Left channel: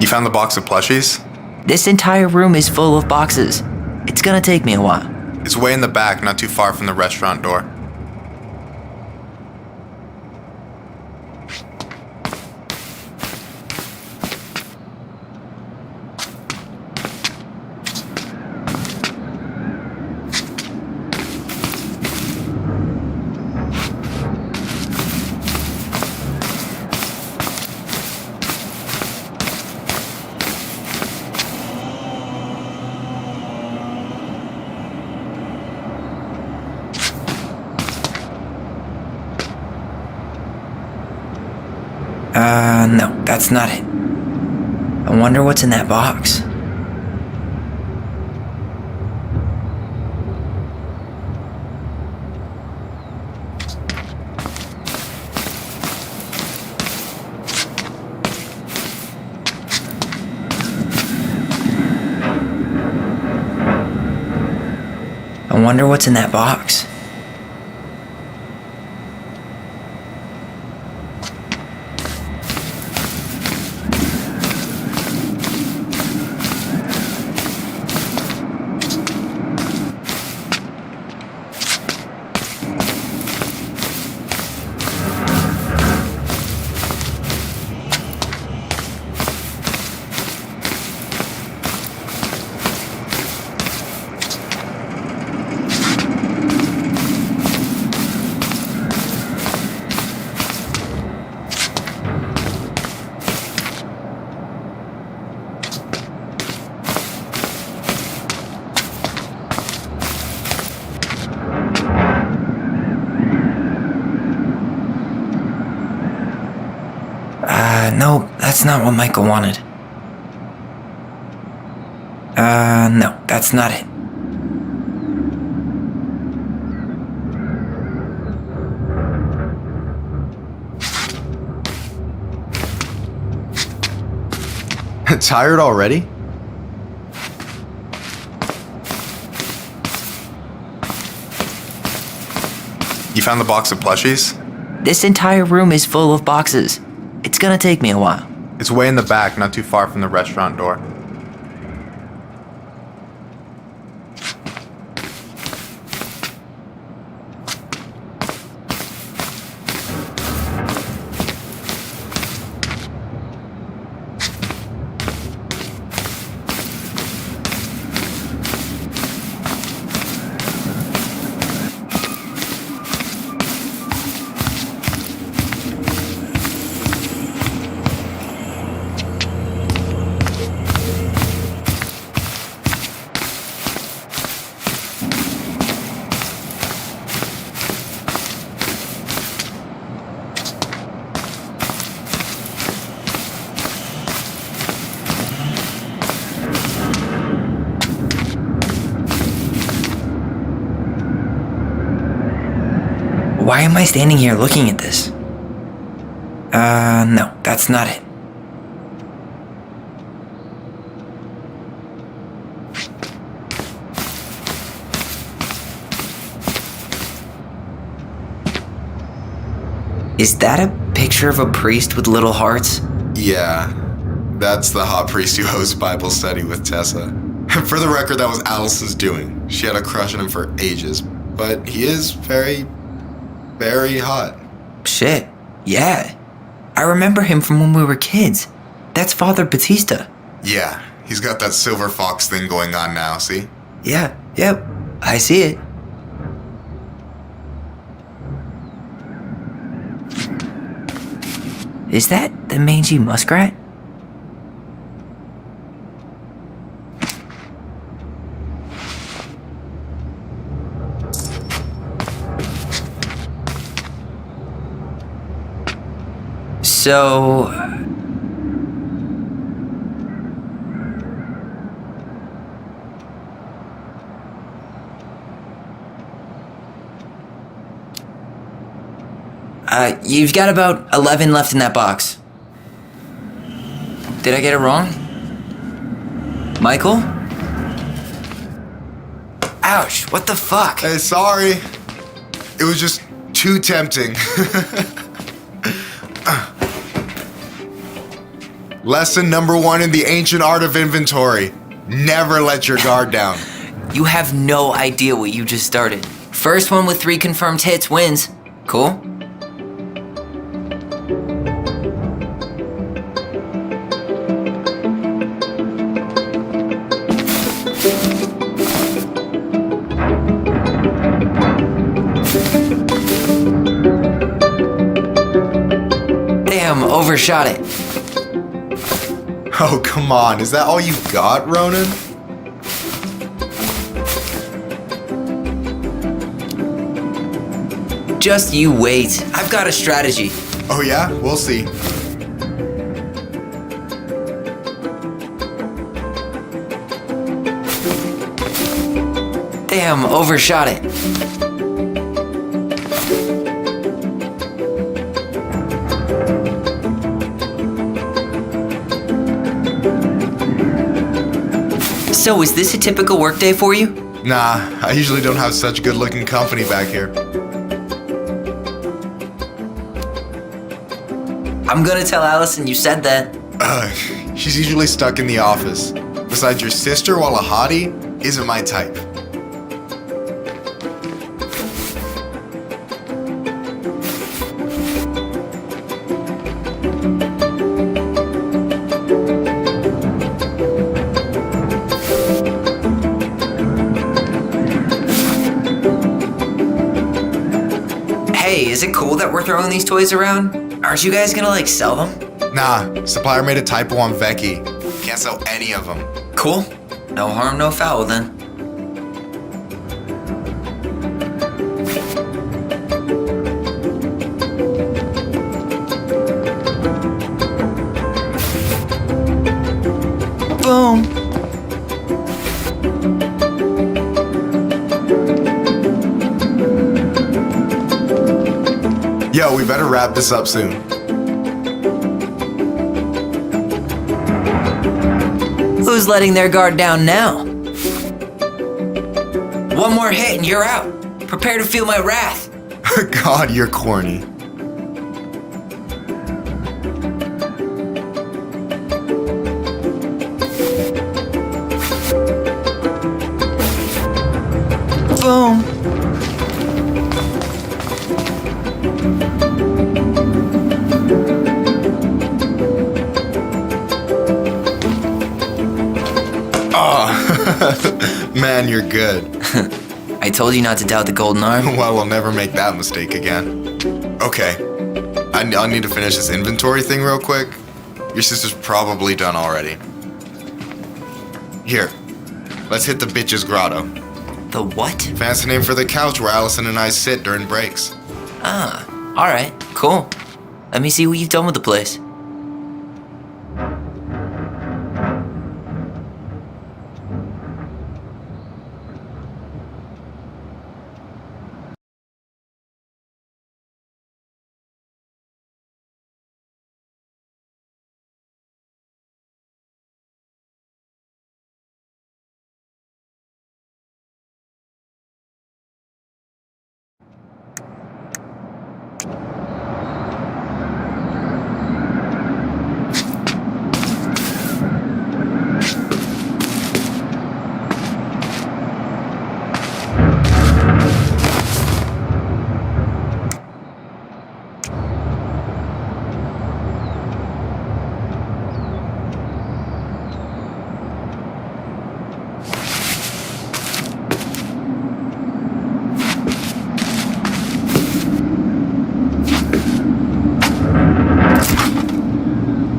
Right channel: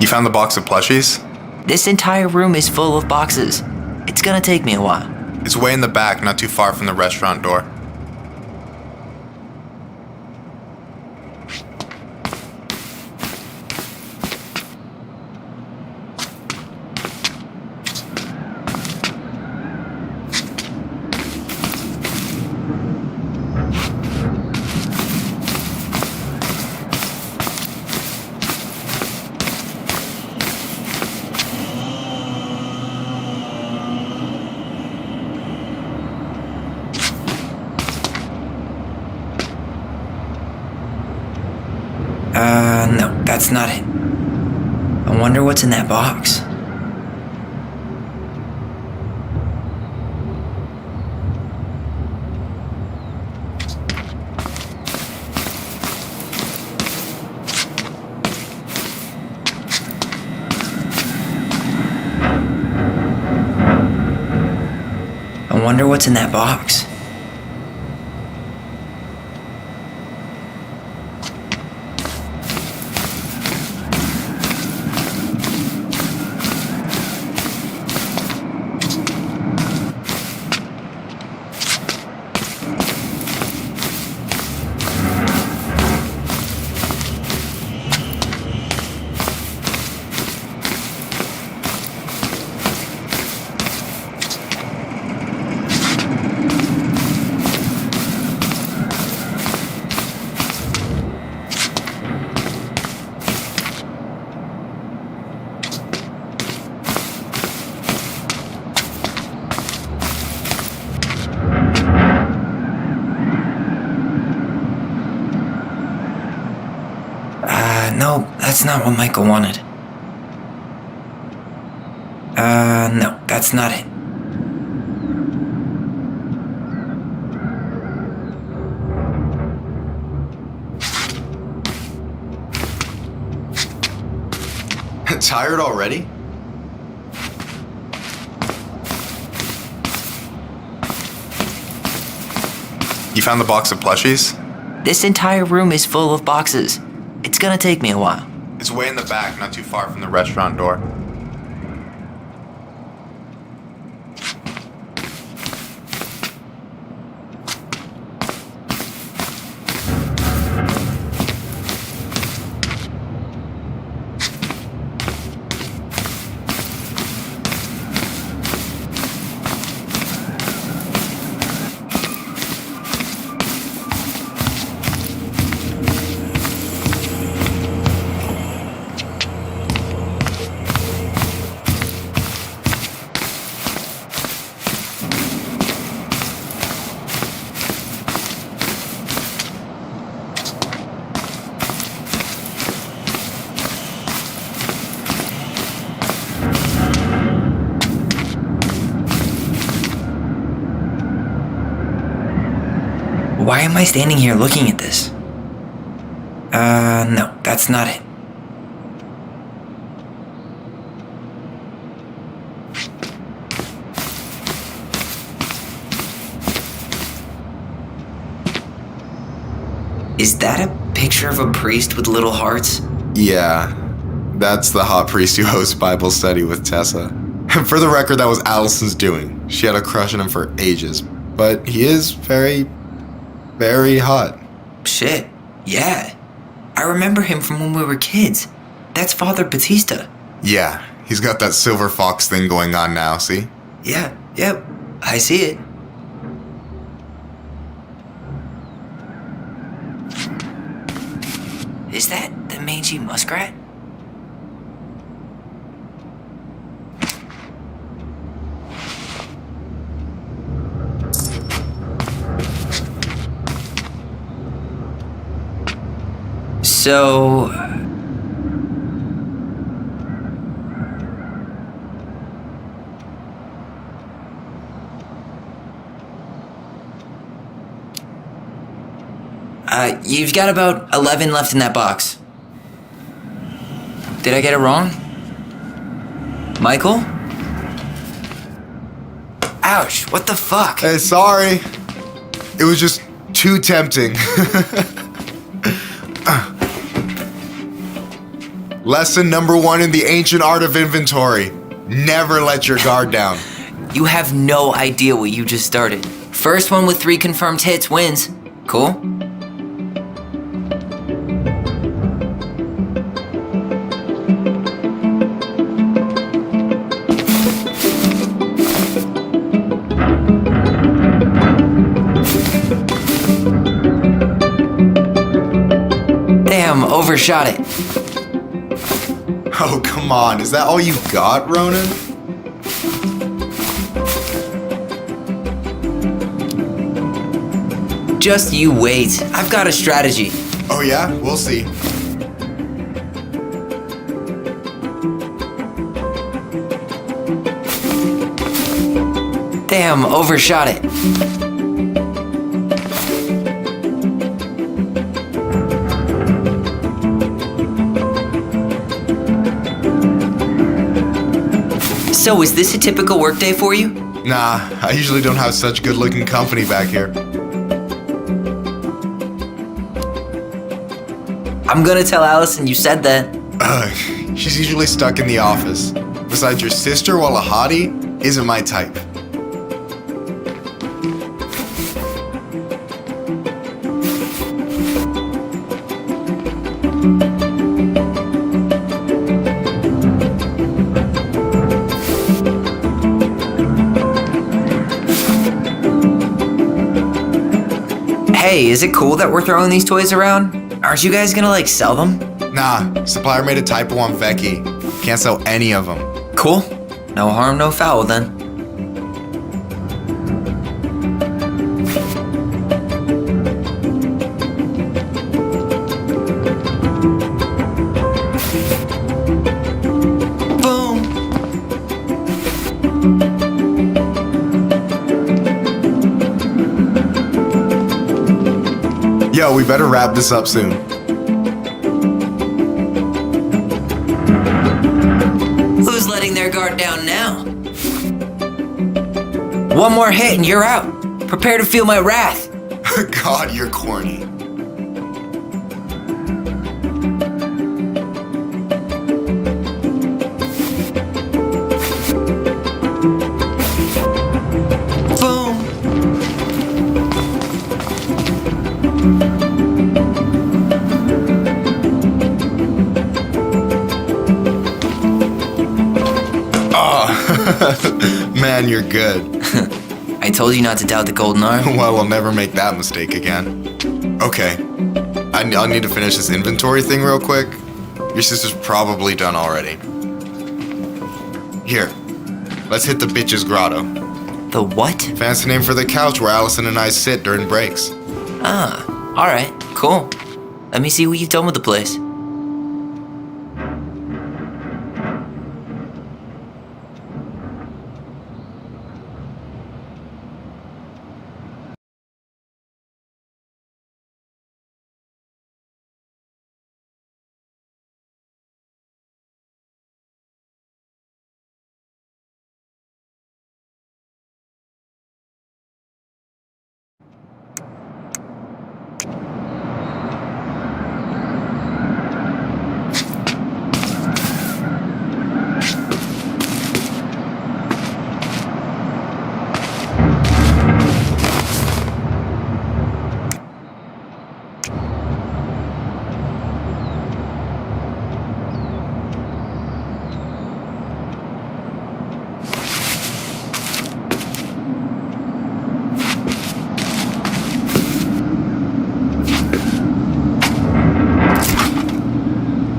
You found the box of plushies? This entire room is full of boxes. It's gonna take me a while. It's way in the back, not too far from the restaurant door. No, that's not it. I wonder what's in that box. I wonder what's in that box. No, that's not what Michael wanted. No, that's not it. Tired already? You found the box of plushies? This entire room is full of boxes. It's gonna take me a while. It's way in the back, not too far from the restaurant door. Why am I standing here looking at this? No, that's not it. Is that a picture of a priest with little hearts? Yeah, that's the hot priest who hosts Bible study with Tessa. For the record, that was Allison's doing. She had a crush on him for ages, but he is very hot. Shit, yeah. I remember him from when we were kids. That's Father Batista. Yeah, he's got that silver fox thing going on now, see? Yeah, yep, I see it. Is that the mangy muskrat? So... you've got about 11 left in that box. Did I get it wrong? Michael? Ouch, what the fuck? Hey, sorry. It was just too tempting. Lesson number 1 in the ancient art of inventory. Never let your guard down. You have no idea what you just started. First one with 3 confirmed hits wins. Cool? Damn, overshot it. Oh, come on. Is that all you got, Ronan? Just you wait. I've got a strategy. Oh yeah? We'll see. Damn, overshot it. So, is this a typical workday for you? Nah, I usually don't have such good-looking company back here. I'm gonna tell Allison you said that. She's usually stuck in the office. Besides, your sister, while a hottie, isn't my type. Hey, is it cool that we're throwing these toys around? Aren't you guys gonna, sell them? Nah, supplier made a typo on Vecchi. Can't sell any of them. Cool. No harm, no foul then. Boom. Yo, we better wrap this up soon. Who's letting their guard down now? One more hit and you're out. Prepare to feel my wrath. God, you're corny. Boom. Oh, man, you're good. I told you not to doubt the golden arm. Well, I'll never make that mistake again. Okay, I'll need to finish this inventory thing real quick. Your sister's probably done already. Here, let's hit the bitch's grotto. The what? Fancy name for the couch where Allison and I sit during breaks. Ah, alright, cool. Let me see what you've done with the place.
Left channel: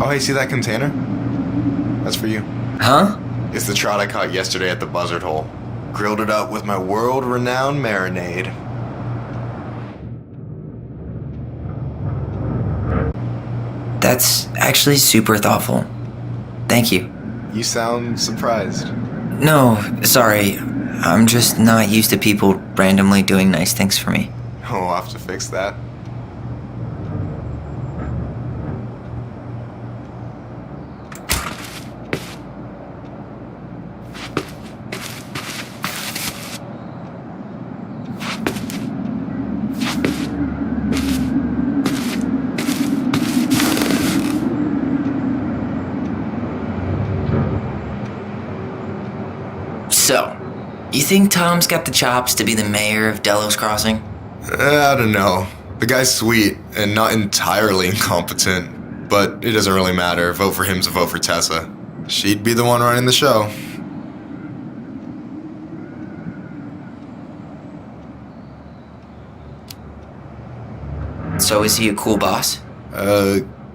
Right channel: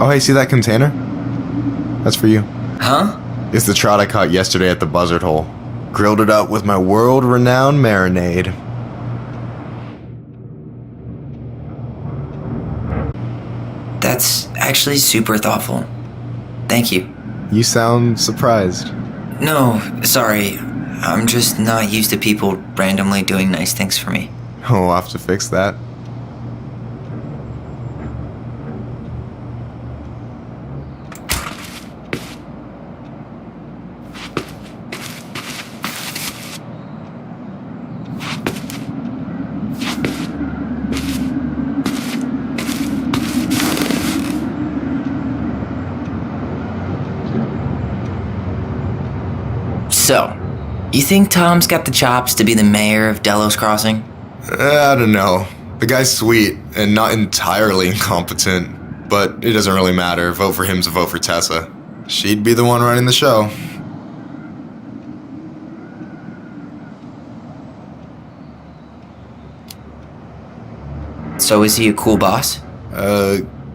Oh, hey, see that container? That's for you. Huh? It's the trout I caught yesterday at the buzzard hole. Grilled it up with my world-renowned marinade. That's actually super thoughtful. Thank you. You sound surprised. No, sorry. I'm just not used to people randomly doing nice things for me. Oh, we'll have to fix that. So, you think Tom's got the chops to be the mayor of Delos Crossing? I don't know. The guy's sweet and not entirely incompetent, but it doesn't really matter. Vote for him's a vote for Tessa. She'd be the one running the show. So is he a cool boss?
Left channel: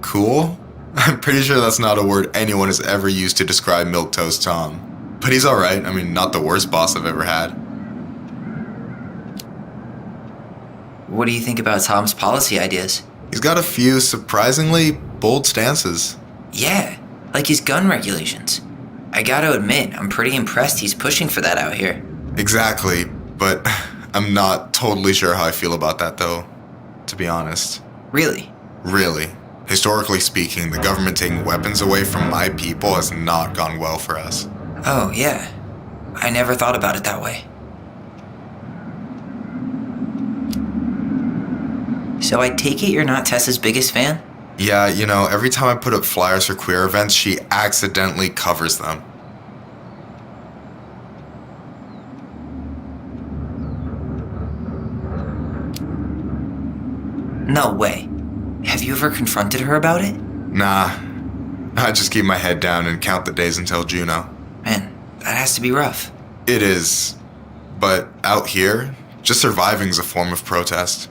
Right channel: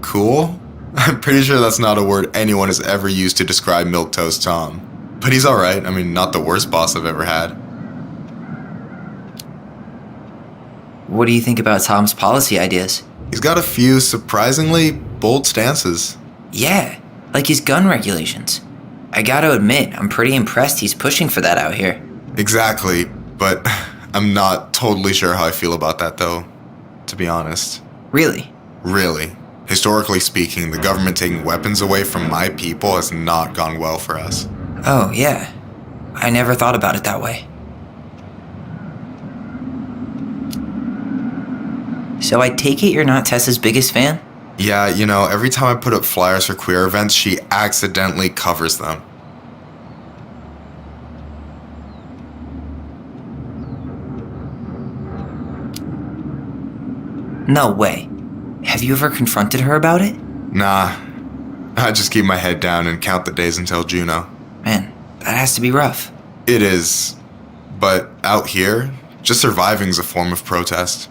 Cool? I'm pretty sure that's not a word anyone has ever used to describe Milquetoast Tom. But he's alright. I mean, not the worst boss I've ever had. What do you think about Tom's policy ideas? He's got a few surprisingly bold stances. Yeah, like his gun regulations. I gotta admit, I'm pretty impressed he's pushing for that out here. Exactly, but I'm not totally sure how I feel about that though, to be honest. Really? Really. Historically speaking, the government taking weapons away from my people has not gone well for us. Oh, yeah. I never thought about it that way. So I take it you're not Tessa's biggest fan? Yeah, you know, every time I put up flyers for queer events, she accidentally covers them. No way. Have you ever confronted her about it? Nah, I just keep my head down and count the days until Juno. Man, that has to be rough. It is, but out here, just surviving's a form of protest.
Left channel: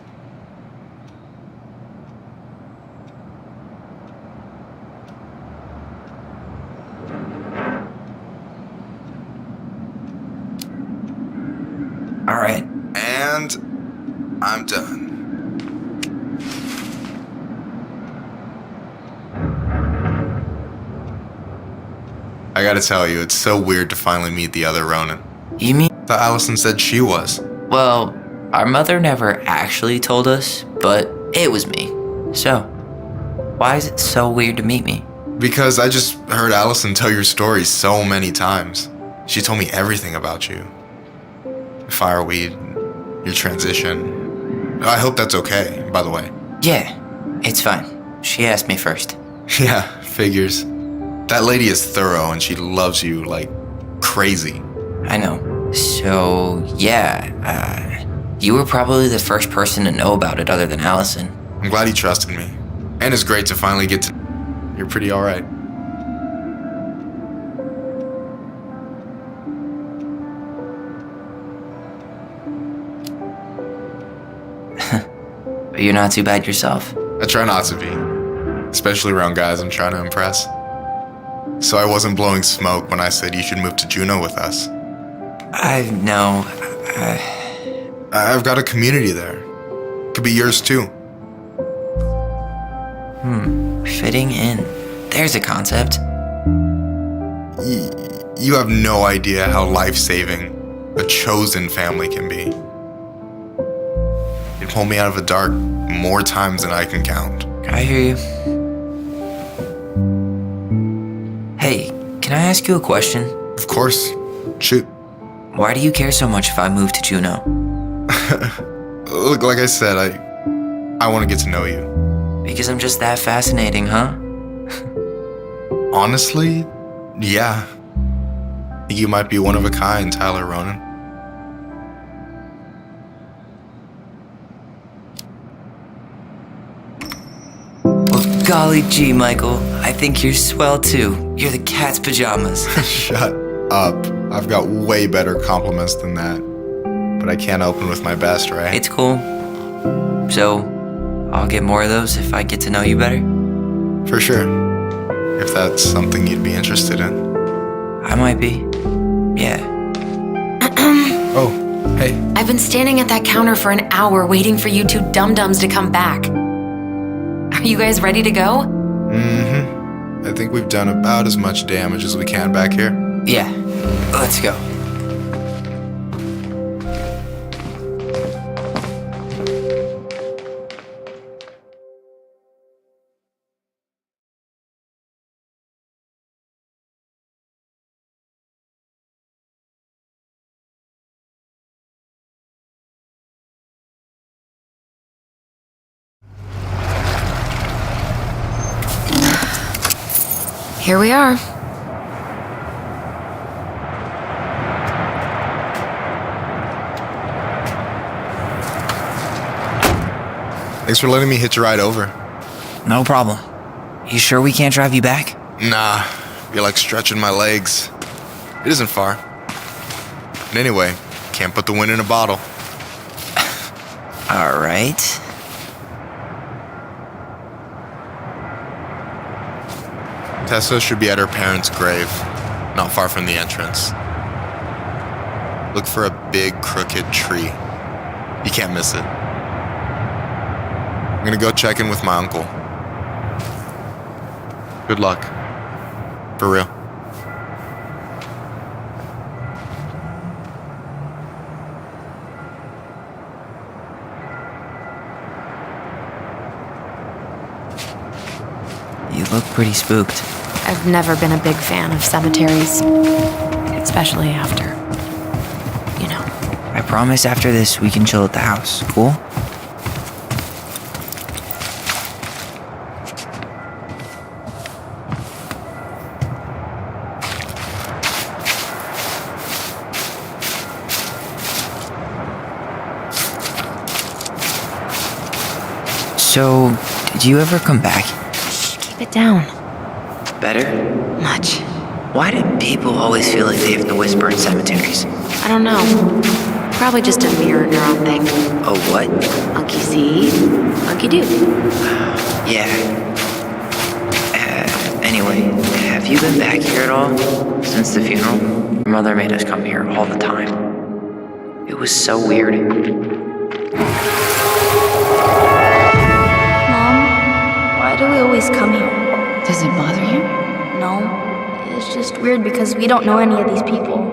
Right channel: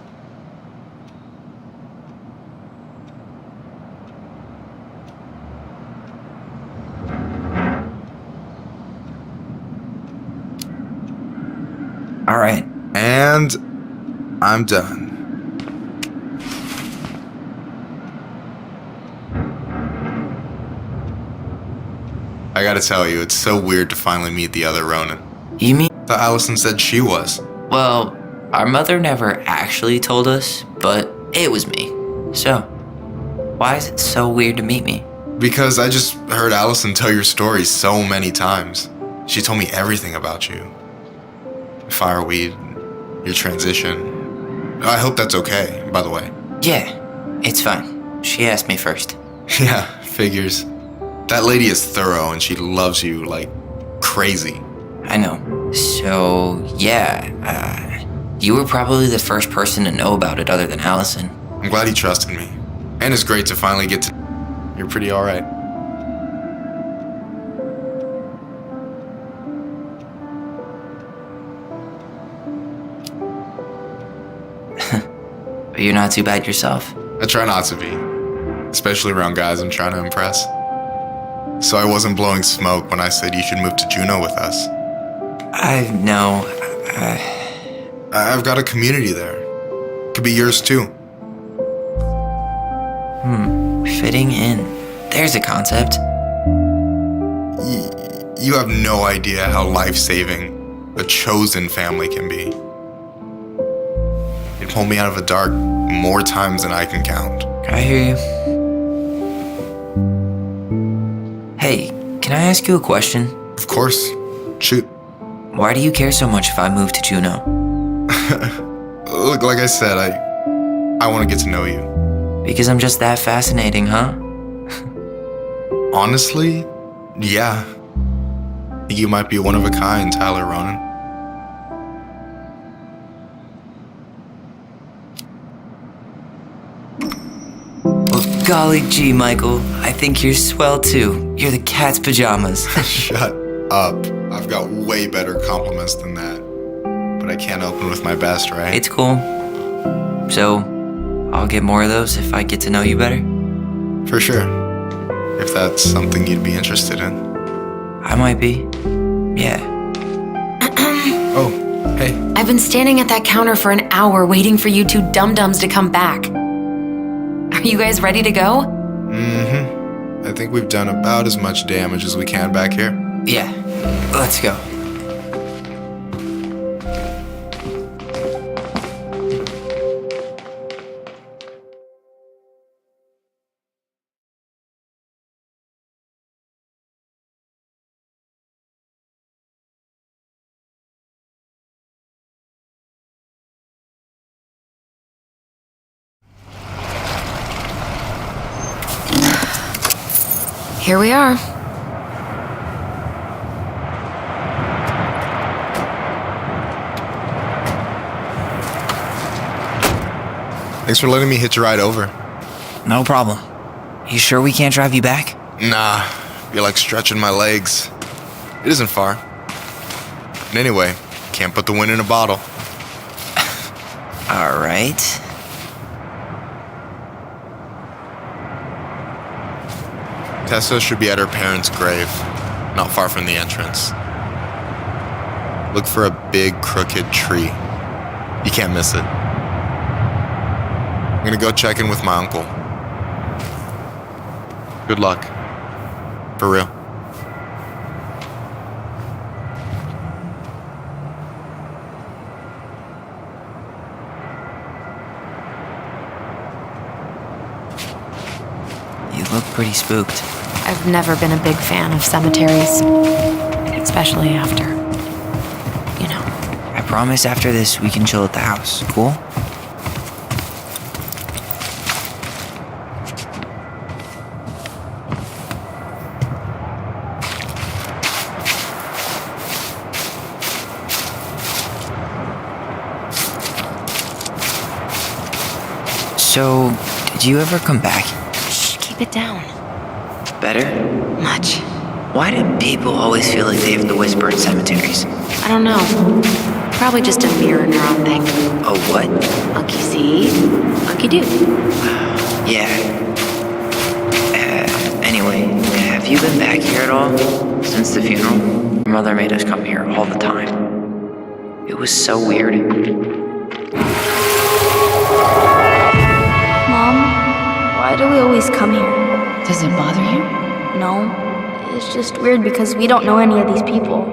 All right. And I'm done. I gotta tell you, it's so weird to finally meet the other Ronin. You mean? Thought Allison said she was. Well, our mother never actually told us, but it was me. So, why is it so weird to meet me? Because I just heard Allison tell your story so many times. She told me everything about you. Fireweed, your transition. I hope that's okay, by the way. Yeah, it's fine. She asked me first. Yeah, figures. That lady is thorough and she loves you like crazy. I know. So, yeah, you were probably the first person to know about it other than Allison. I'm glad he trusted me. And it's great to finally get to... You're pretty alright. But you're not too bad yourself. I try not to be. Especially around guys I'm trying to impress. So I wasn't blowing smoke when I said you should move to Juneau with us. I know. I've got a community there. Could be yours too. Fitting in. There's a concept. You have no idea how life-saving a chosen family can be. It pulled me out of the dark more times than I can count. I hear you. Hey, can I ask you a question? Of course. Shoot. Why do you care so much if I move to Juneau? Look, like I said, I want to get to know you. Because I'm just that fascinating, huh? Honestly, yeah. You might be one of a kind, Tyler Ronan. Well, golly gee, Michael. I think you're swell too. You're the cat's pajamas. Shut up. I've got way better compliments than that. But I can't open with my best, right? It's cool. So, I'll get more of those if I get to know you better? For sure. If that's something you'd be interested in. I might be. Yeah. Oh, hey. I've been standing at that counter for an hour waiting for you two dum-dums to come back. Are you guys ready to go? Mm-hmm. I think we've done about as much damage as we can back here. Yeah. Let's go. Here we are. Thanks for letting me hitch a ride over. No problem. You sure we can't drive you back? Nah, you're like stretching my legs. It isn't far. And anyway, can't put the wind in a bottle. All right. Tessa should be at her parents' grave, not far from the entrance. Look for a big crooked tree. You can't miss it. I'm gonna go check in with my uncle. Good luck. For real. You look pretty spooked. I've never been a big fan of cemeteries, especially after, you know. I promise after this we can chill at the house. Cool? So, did you ever come back? Shh, keep it down. Better? Much. Why do people always feel like they have to whisper in cemeteries? I don't know. Probably just a mirror neuron thing. Oh, what? Monkey see, monkey do. Yeah. Anyway, have you been back here at all? Since the funeral? Your mother made us come here all the time. It was so weird. Mom, why do we always come here? Does it bother you? No, it's just weird because we don't know any of these people.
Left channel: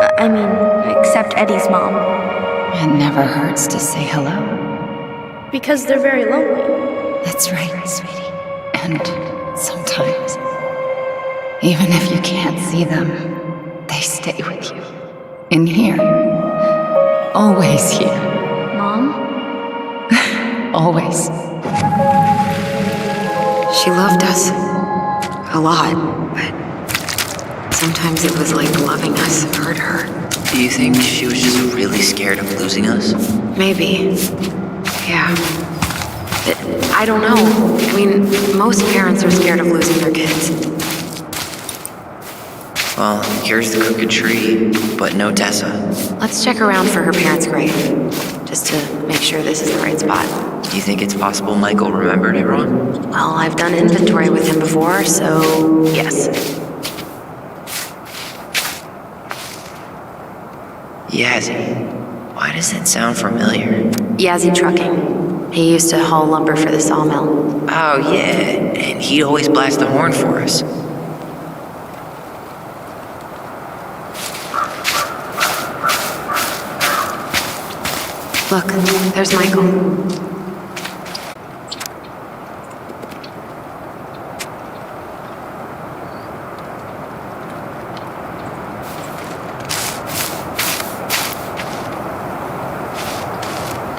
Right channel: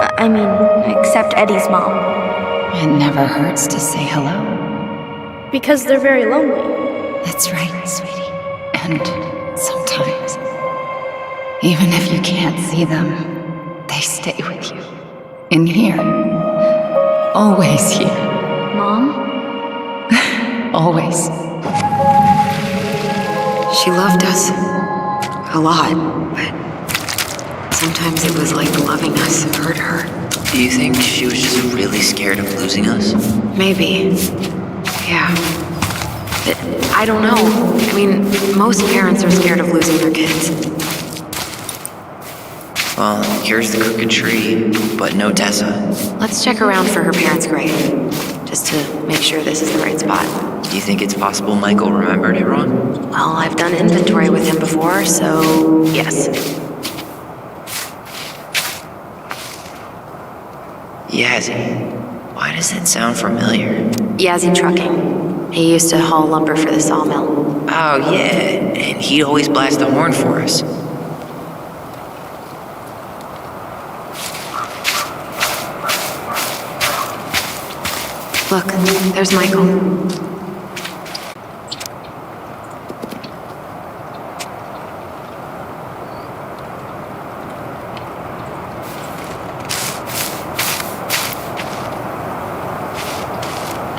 I mean, except Eddie's mom. It never hurts to say hello. Because they're very lonely. That's right, sweetie. And sometimes, even if you can't see them, they stay with you. In here. Always here. Mom? Always. She loved us. A lot, but sometimes it was like loving us hurt her. Do you think she was just really scared of losing us? Maybe. Yeah. But I don't know. I mean, most parents are scared of losing their kids. Well, here's the crooked tree, but no Tessa. Let's check around for her parents' grave, just to make sure this is the right spot. Do you think it's possible Michael remembered it wrong? Well, I've done inventory with him before, so yes. Yazzie. Why does that sound familiar? Yazzie Trucking. He used to haul lumber for the sawmill. Oh, yeah, and he'd always blast the horn for us. Look, there's Michael.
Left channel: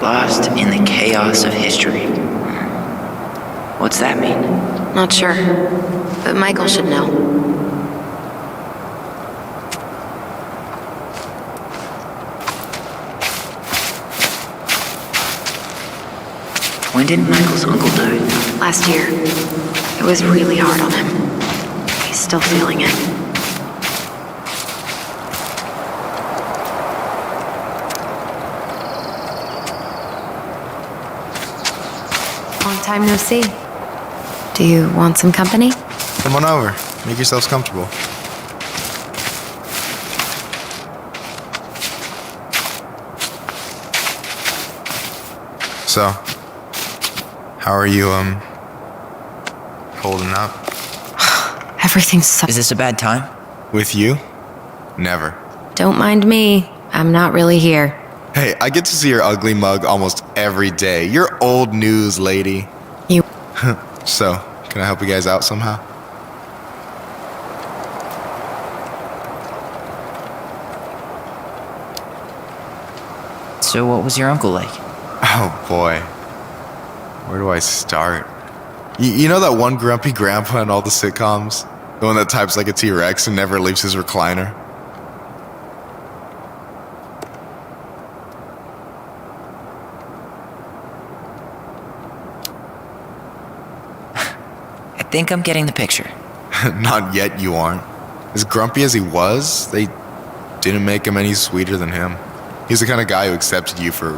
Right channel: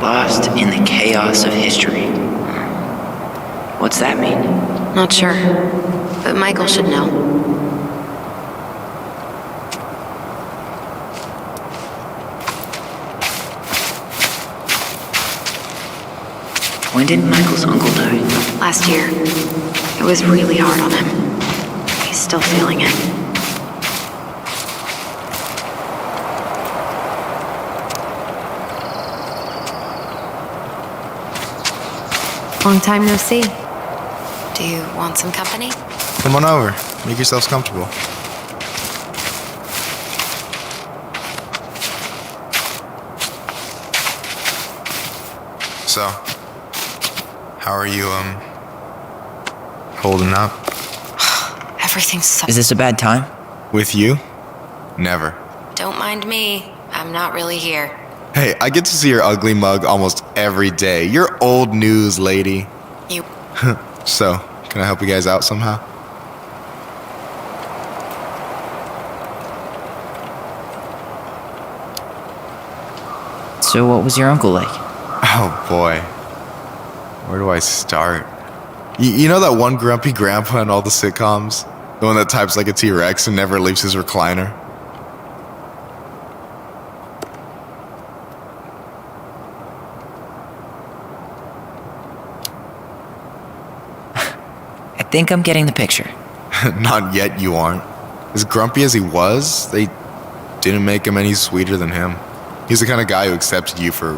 Lost in the chaos of history. What's that mean? Not sure, but Michael should know. When did Michael's uncle die? Last year. It was really hard on him. He's still feeling it. Long time no see. Do you want some company? Come on over. Make yourselves comfortable. So, how are you, holding up? Everything's so... Is this a bad time? With you? Never. Don't mind me. I'm not really here. Hey, I get to see your ugly mug almost every day. You're old news, lady. You... So, can I help you guys out somehow? So what was your uncle like? Oh boy. Where do I start? You know that one grumpy grandpa in all the sitcoms? The one that types like a T-Rex and never leaves his recliner? think I'm getting the picture. Not yet, you aren't. As grumpy as he was, they didn't make him any sweeter than him. He's the kind of guy who accepted you for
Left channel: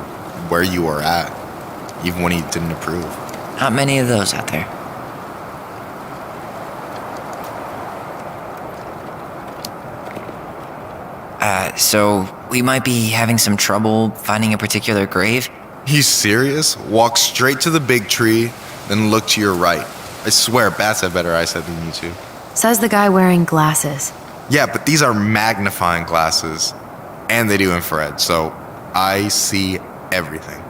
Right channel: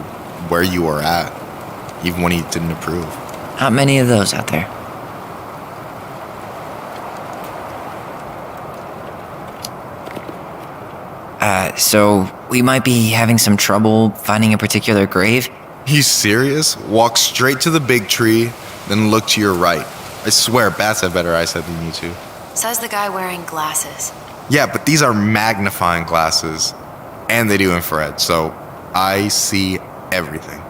where you were at, even when he didn't approve. Not many of those out there. So we might be having some trouble finding a particular grave? You serious? Walk straight to the big tree, then look to your right. I swear, bats have better eyesight than you two. Says the guy wearing glasses. Yeah, but these are magnifying glasses, and they do infrared, so I see everything.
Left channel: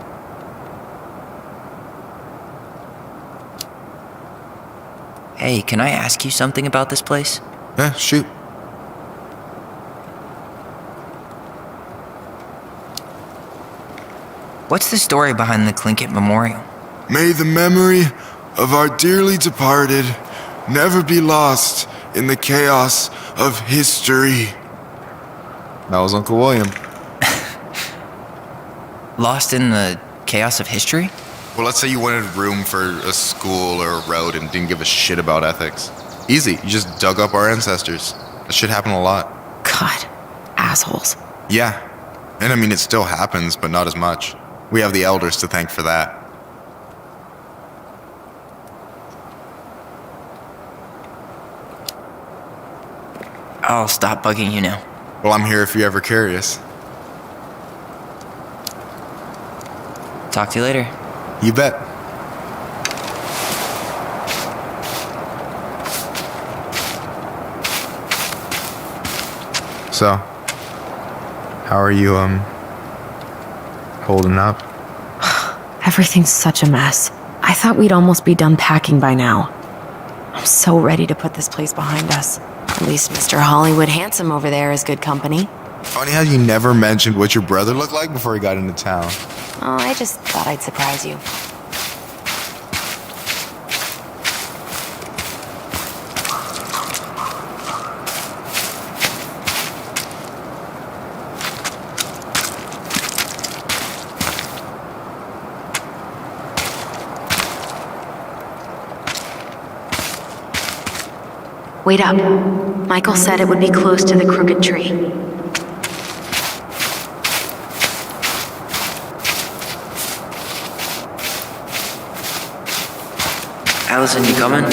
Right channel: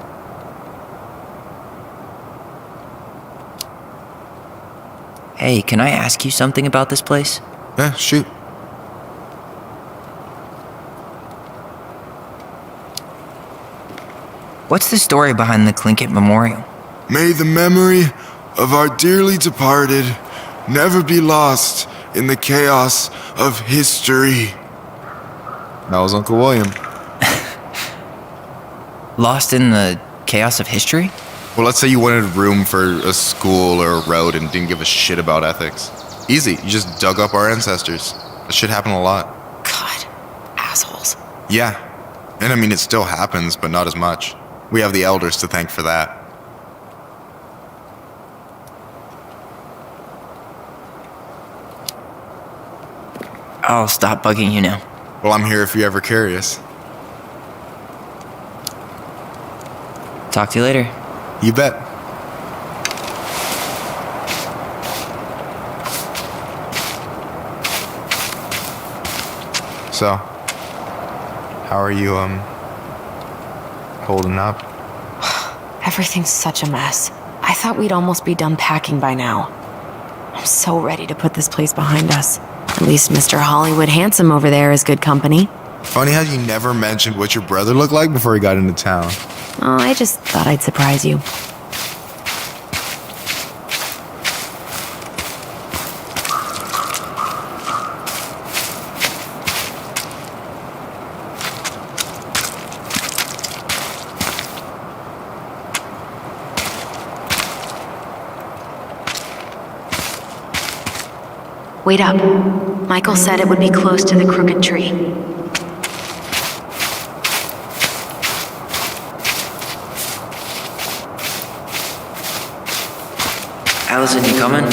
Hey, can I ask you something about this place? Yeah, shoot. What's the story behind the Tlingit Memorial? May the memory of our dearly departed never be lost in the chaos of history. That was Uncle William. Lost in the chaos of history? Well, let's say you wanted room for a school or a road and didn't give a shit about ethics. Easy, you just dug up our ancestors. That shit happened a lot. God, assholes. Yeah, and I mean, it still happens, but not as much. We have the elders to thank for that. I'll stop bugging you now. Well, I'm here if you're ever curious. Talk to you later. You bet. So, how are you, holding up? Everything's such a mess. I thought we'd almost be done packing by now. I'm so ready to put this place behind us. At least Mr. Hollywood Handsome over there is good company. Funny how you never mentioned what your brother looked like before he got into town. Oh, I just thought I'd surprise you. Wait up. Michael said it would be close to the crooked tree. Allison, you coming?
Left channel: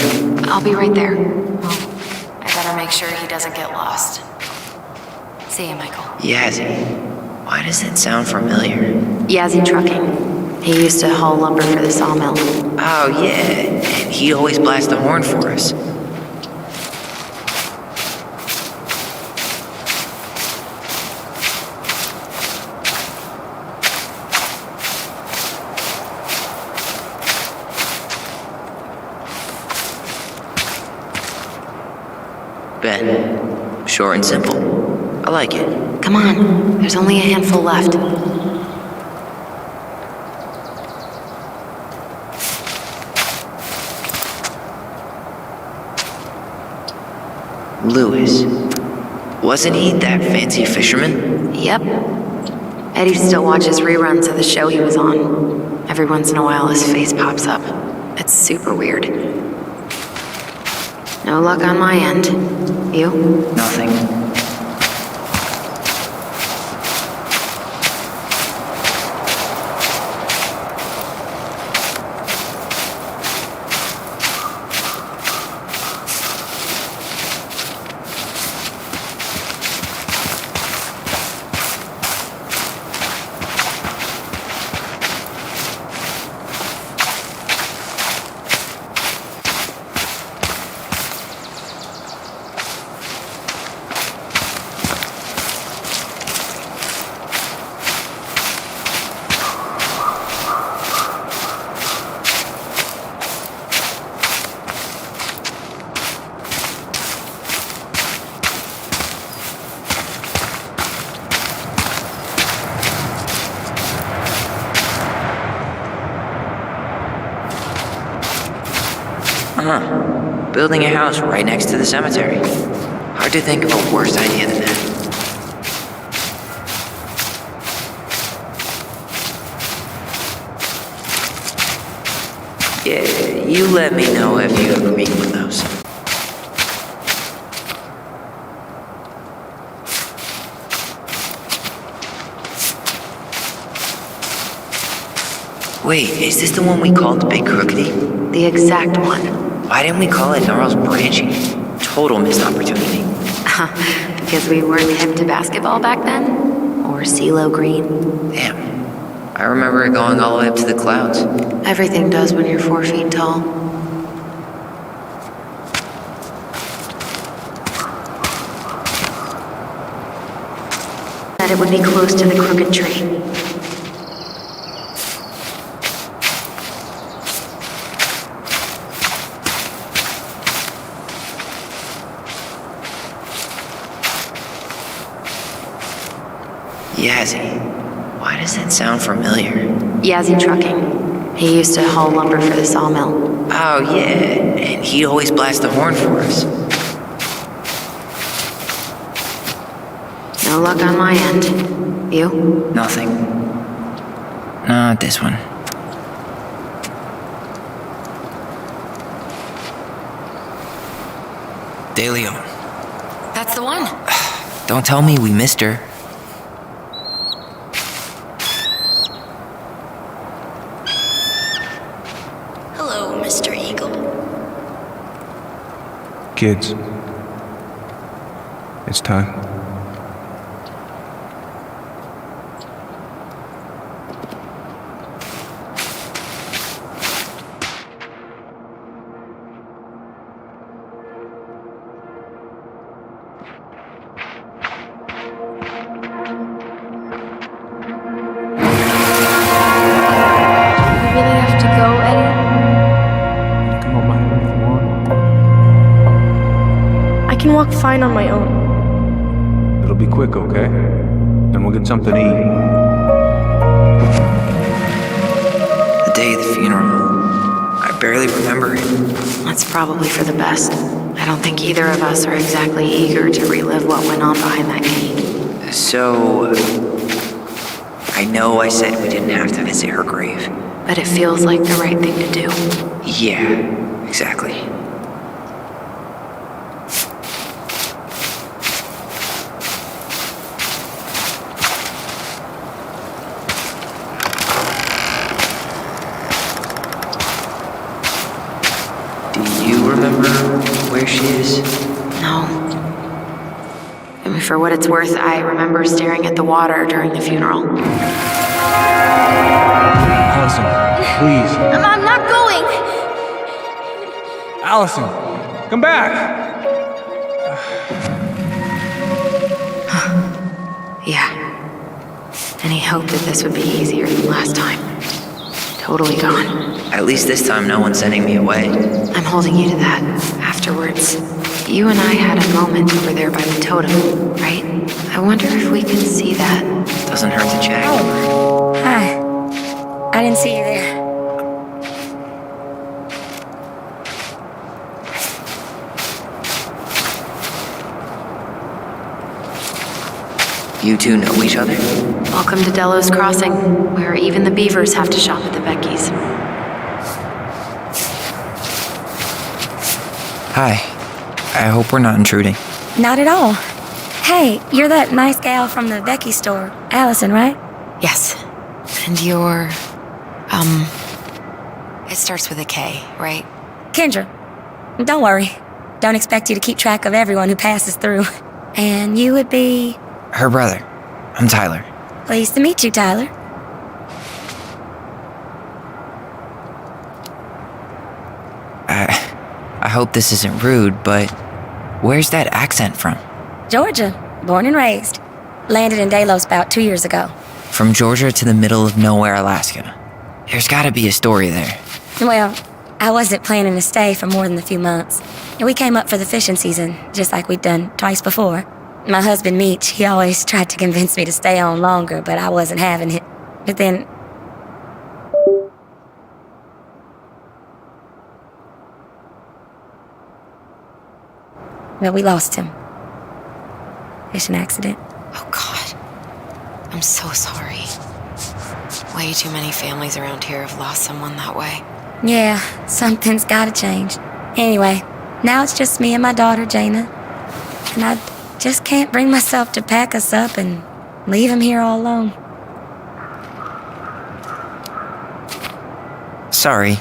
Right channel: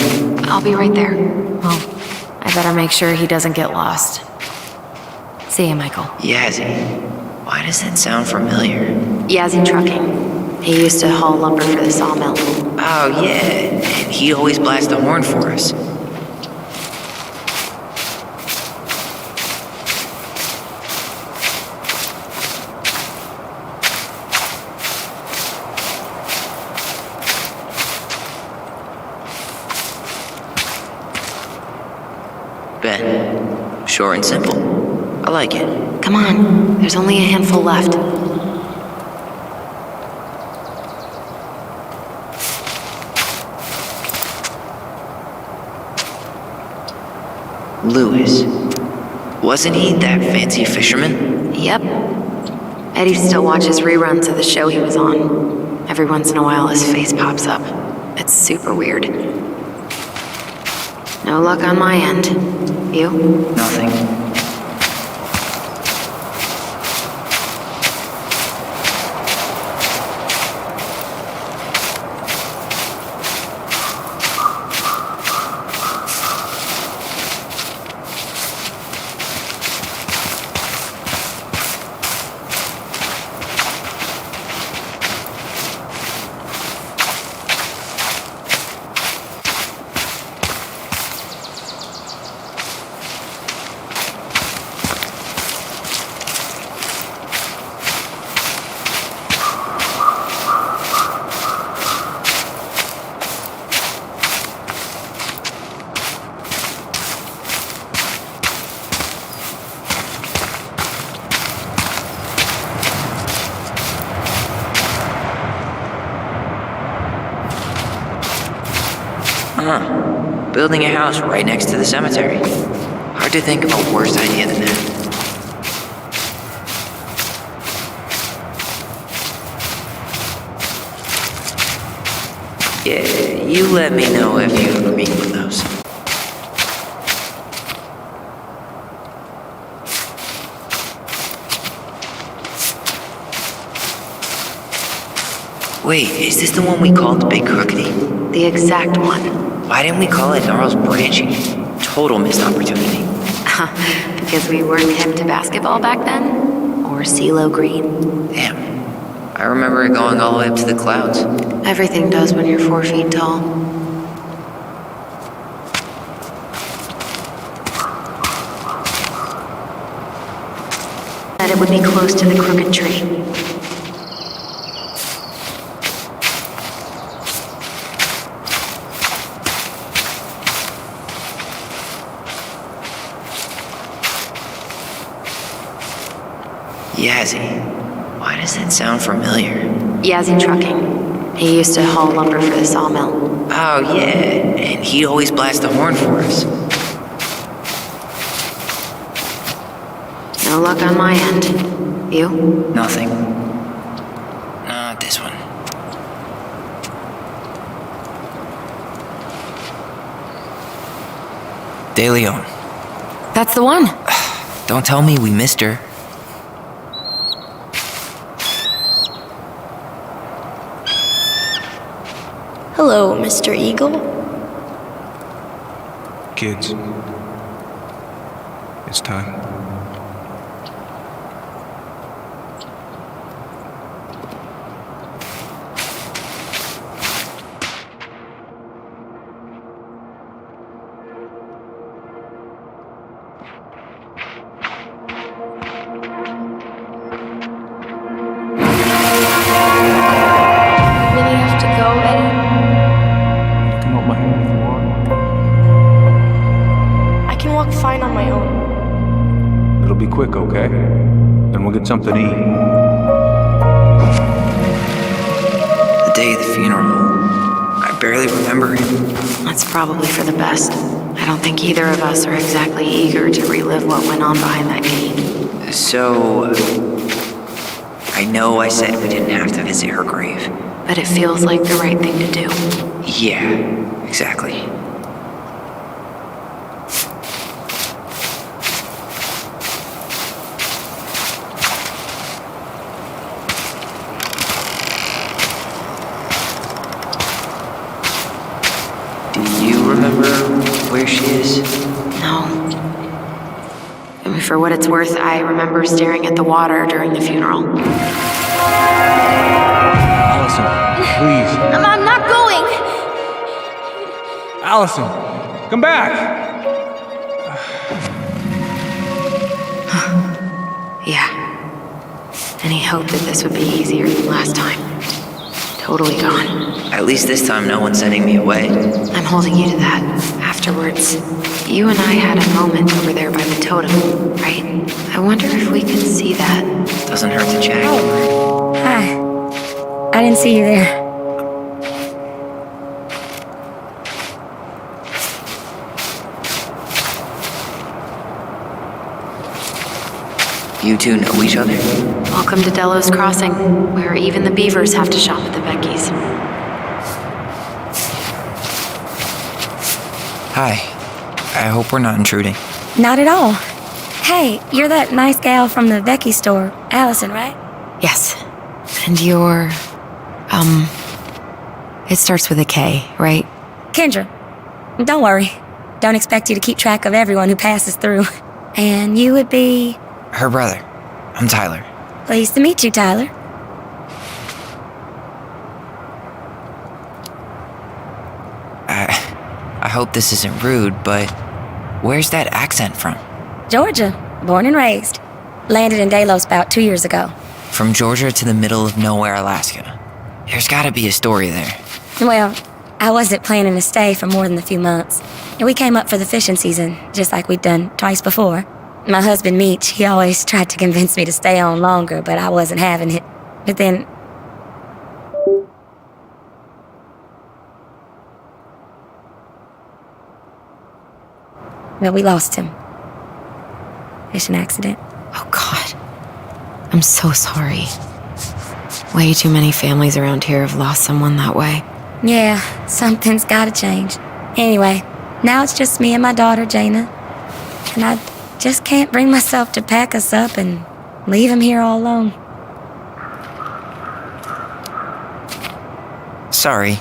I'll be right there. Well, I better make sure he doesn't get lost. See you, Michael. Yazzie. Why does that sound familiar? Yazzie Trucking. He used to haul lumber for the sawmill. Oh, yeah. And he always blasts the horn for us. Ben. Short and simple. I like it. Come on, there's only a handful left. Lewis. Wasn't he that fancy fisherman? Yep. Eddie still watches reruns of the show he was on. Every once in a while his face pops up. It's super weird. No luck on my end. You? Nothing. Building a house right next to the cemetery. Hard to think of a worse idea than that. Yeah, you let me know if you ever meet one though. Wait, is this the one we called the Big Crookedy? The exact one. Why didn't we call it Gnarls Branchy? Total missed opportunity. Because we weren't hip to basketball back then? Or CeeLo Green? Damn. I remember it going all the way up to the clouds. Everything does when you're 4 feet tall. That it would be close to the crooked tree. Yazzie. Why does that sound familiar? Yazzie Trucking. He used to haul lumber for the sawmill. Oh, yeah. And he'd always blast the horn for us. No luck on my end. You? Nothing. Not this one. De Leon. That's the one. Don't tell me we missed her. Hello, Mr. Eagle. Kids, it's time. You really have to go, Eddie? You can hold my hand if you want. I can walk fine on my own. It'll be quick, okay? Then we'll get something to eat. The day of the funeral. I barely remember it. That's probably for the best. I don't think either of us are exactly eager to relive what went on behind that gate. So... I know I said we didn't have to visit her grave. But it feels like the right thing to do. Yeah, exactly. Do you remember where she is? No. I mean, for what it's worth, I remember staring at the water during the funeral. Allison, please. I'm not going! Allison, come back! Yeah. Any hope that this would be easier than last time? Totally gone. At least this time no one's sending me away. I'm holding you to that. Afterwards, you and I had a moment over there by the totem, right? I wonder if we could see that. Doesn't hurt to check. Hi. I didn't see you there. You two know each other? Welcome to Delos Crossing, where even the beavers have to shop at the Becky's. Hi. I hope we're not intruding. Not at all. Hey, you're that nice gal from the Becky store, Allison, right? Yes. And you're... It starts with a K, right? Kendra. Don't worry. Don't expect you to keep track of everyone who passes through. And you would be... Her brother. I'm Tyler. Pleased to meet you, Tyler. I hope this isn't rude, but where's that accent from? Georgia. Born and raised. Landed in Delos about 2 years ago. From Georgia to the middle of nowhere, Alaska. There's gotta be a story there. Well, I wasn't planning to stay for more than a few months. And we came up for the fishing season, just like we'd done twice before. My husband, Meech, he always tried to convince me to stay on longer, but I wasn't having it. But then... Well, we lost him. Fishing accident. Oh, God. I'm so sorry. Way too many families around here have lost someone that way. Yeah, something's gotta change. Anyway, now it's just me and my daughter, Jaina. And I just can't bring myself to pack us up and leave him here all alone. Sorry.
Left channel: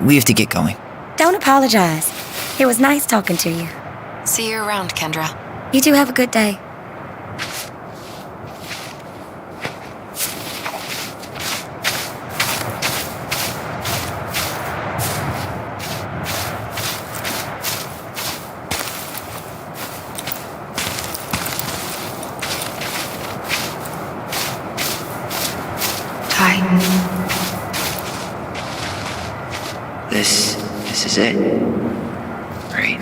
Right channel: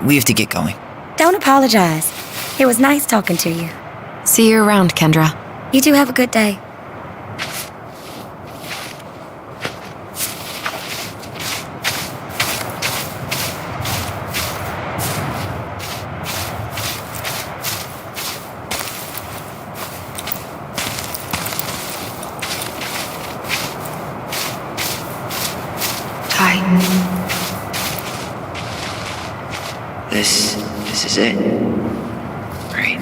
We have to get going. Don't apologize. It was nice talking to you. See you around, Kendra. You two have a good day. Hi. This is it. Right?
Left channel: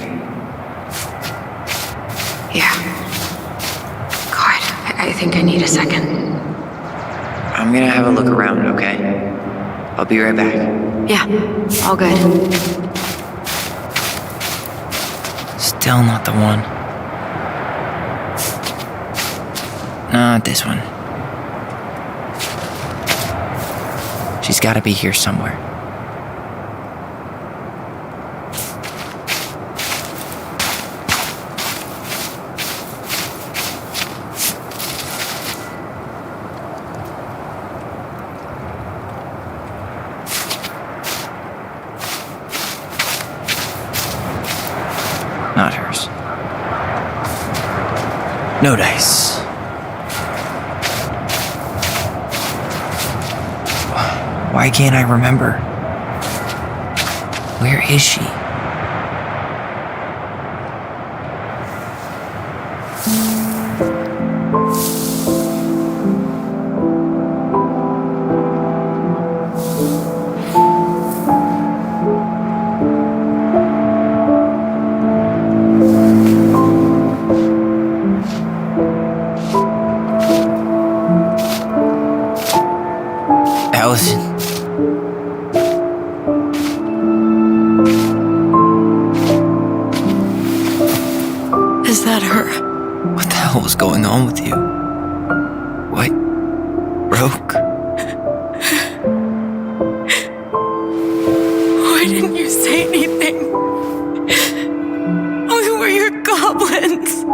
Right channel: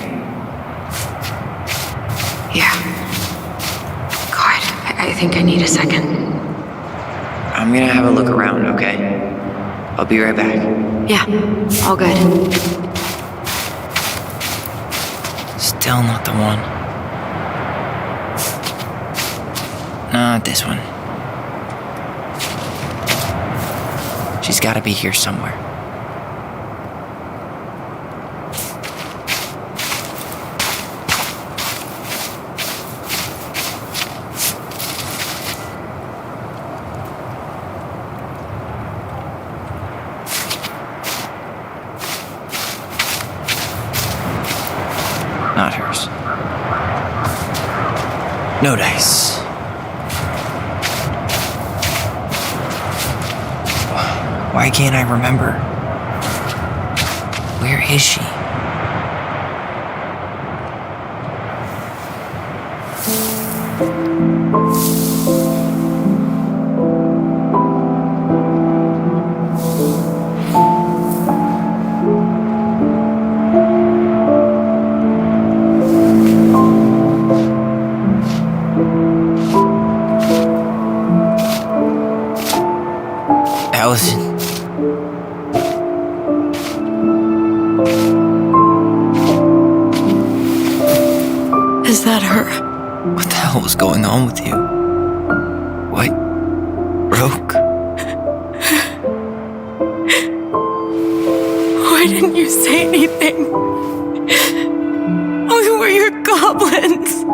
Yeah. God, I think I need a second. I'm gonna have a look around, okay? I'll be right back. Yeah, all good. Still not the one. Not this one. She's gotta be here somewhere. Not hers. No dice. Why can't I remember? Where is she? Allison. Is that her? What the hell was going on with you? What broke? Why didn't you say anything? We were your goblins.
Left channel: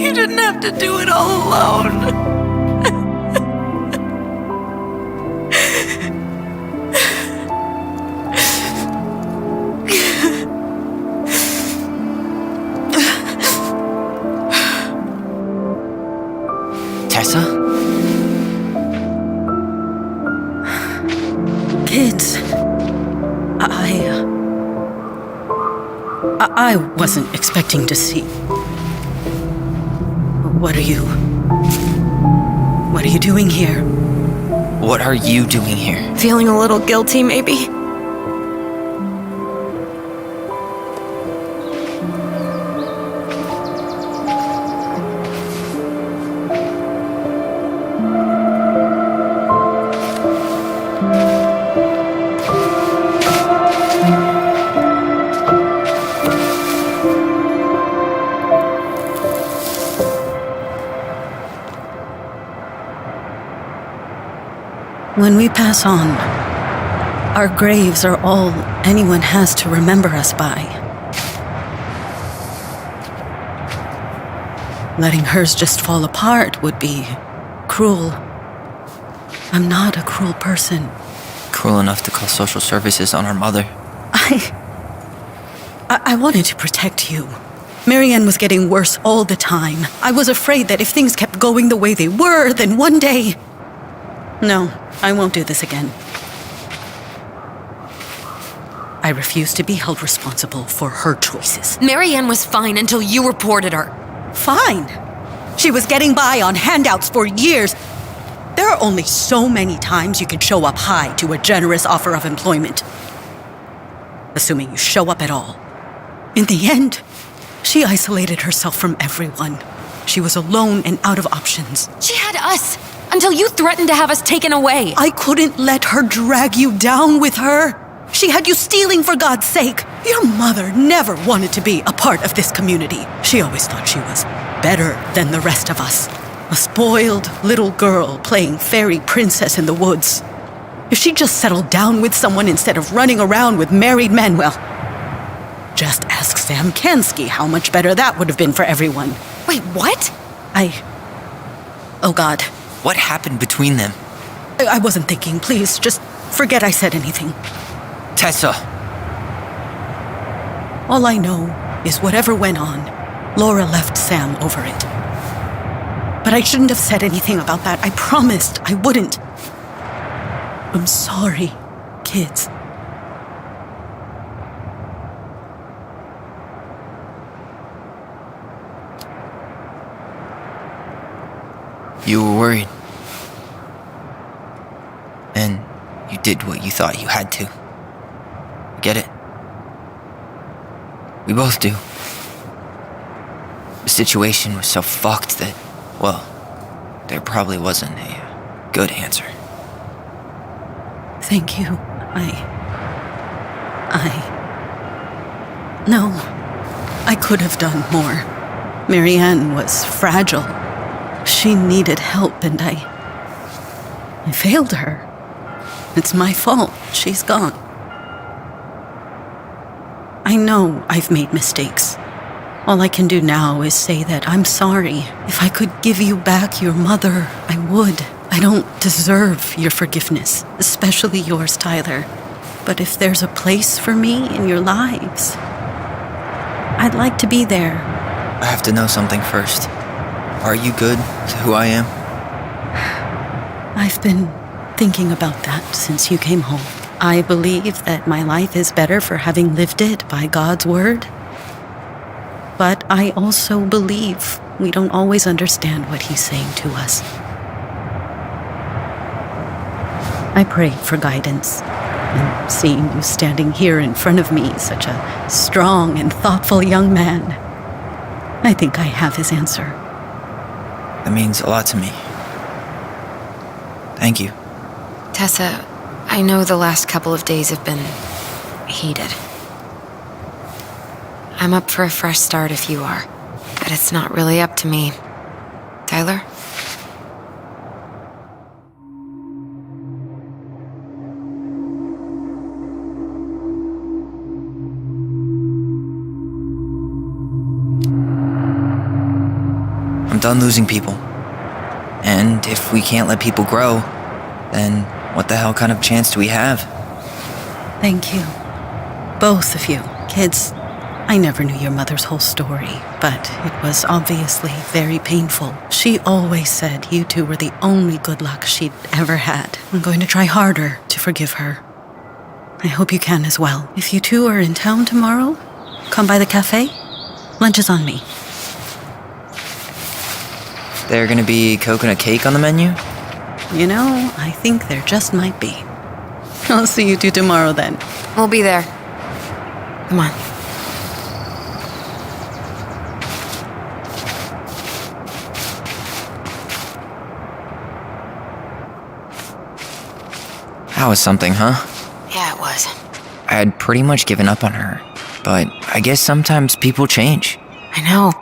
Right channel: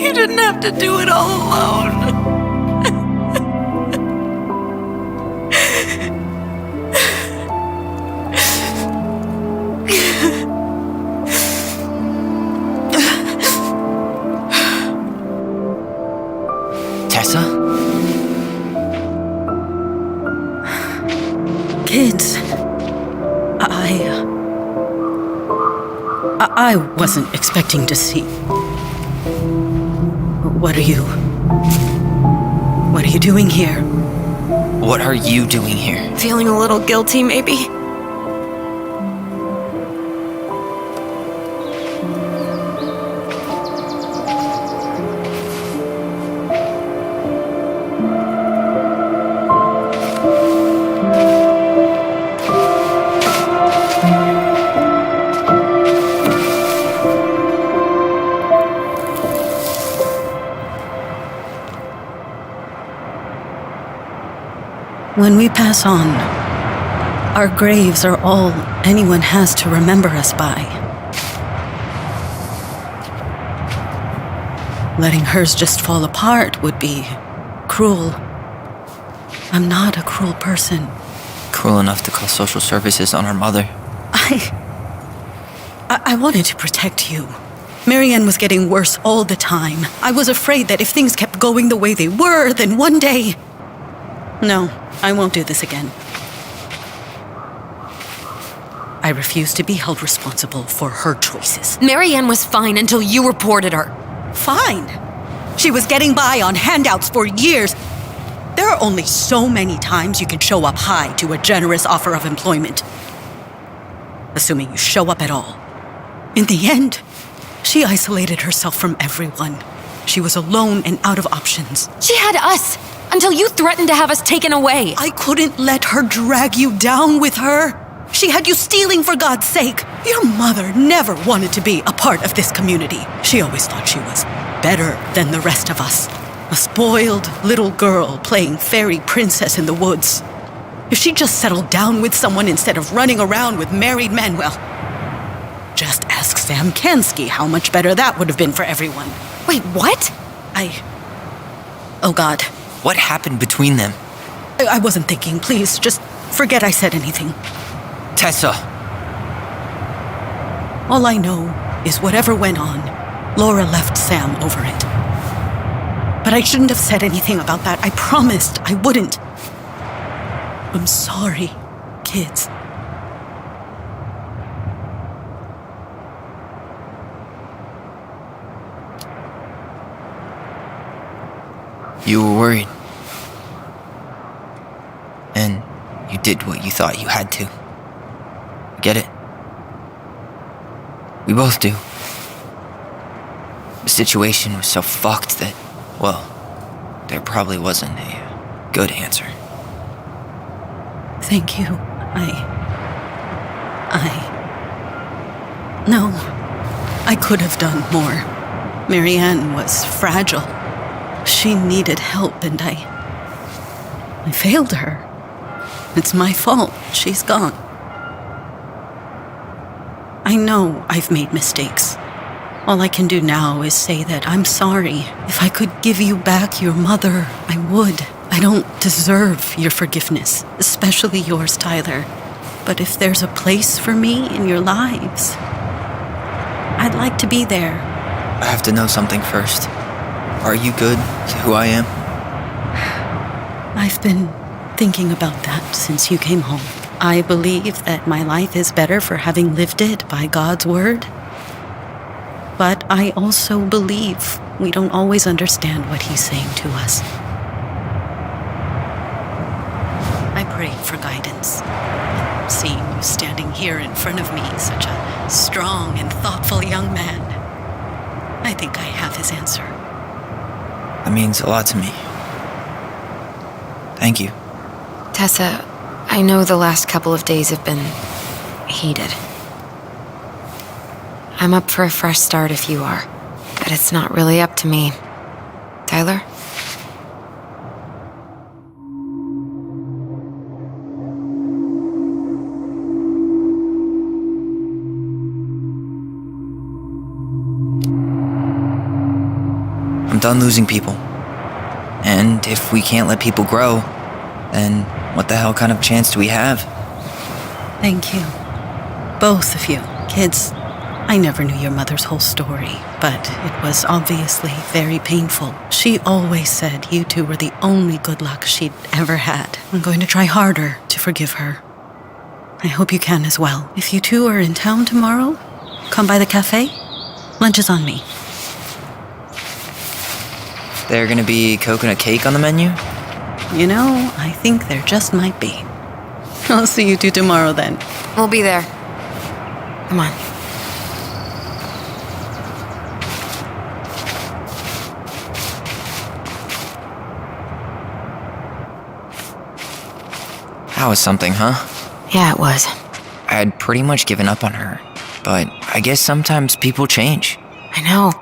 You didn't have to do it all alone. Tessa? Kids, I wasn't expecting to see. What are you doing here? What are you doing here? Feeling a little guilty, maybe? When we pass on, our graves are all anyone has to remember us by. Letting hers just fall apart would be cruel. I'm not a cruel person. Cruel enough to call social services on our mother. I wanted to protect you. Marianne was getting worse all the time. I was afraid that if things kept going the way they were, then one day... No, I won't do this again. I refuse to be held responsible for her choices. Marianne was fine until you reported her. Fine. She was getting by on handouts for years. There are only so many times you can show up high to a generous offer of employment. Assuming you show up at all. In the end, she isolated herself from everyone. She was alone and out of options. She had us until you threatened to have us taken away. I couldn't let her drag you down with her. She had you stealing for God's sake. Your mother never wanted to be a part of this community. She always thought she was better than the rest of us. A spoiled little girl playing fairy princess in the woods. If she just settled down with someone instead of running around with married men, well, just ask Sam Kansky how much better that would have been for everyone. Wait, what? Oh God. What happened between them? I wasn't thinking. Please, just forget I said anything. Tessa! All I know is whatever went on, Laura left Sam over it. But I shouldn't have said anything about that. I promised I wouldn't. I'm sorry, kids. You were worried. And you did what you thought you had to. I get it. We both do. The situation was so fucked that, well, there probably wasn't a good answer. Thank you. No, I could have done more. Marianne was fragile. She needed help, and I failed her. It's my fault. She's gone. I know I've made mistakes. All I can do now is say that I'm sorry. If I could give you back your mother, I would. I don't deserve your forgiveness, especially yours, Tyler. But if there's a place for me in your lives, I'd like to be there. I have to know something first. Are you good with who I am? I've been thinking about that since you came home. I believe that my life is better for having lived it by God's word. But I also believe we don't always understand what He's saying to us. I prayed for guidance, and seeing you standing here in front of me, such a strong and thoughtful young man, I think I have His answer. That means a lot to me. Thank you. Tessa, I know the last couple of days have been heated. I'm up for a fresh start if you are, but it's not really up to me. Tyler? I'm done losing people. And if we can't let people grow, then what the hell kind of chance do we have? Thank you. Both of you. Kids, I never knew your mother's whole story, but it was obviously very painful. She always said you two were the only good luck she'd ever had. I'm going to try harder to forgive her. I hope you can as well. If you two are in town tomorrow, come by the cafe. Lunch is on me. There gonna be coconut cake on the menu? You know, I think there just might be. I'll see you two tomorrow then. We'll be there. Come on. That was something, huh? Yeah, it was. I had pretty much given up on her, but I guess sometimes people change. I know.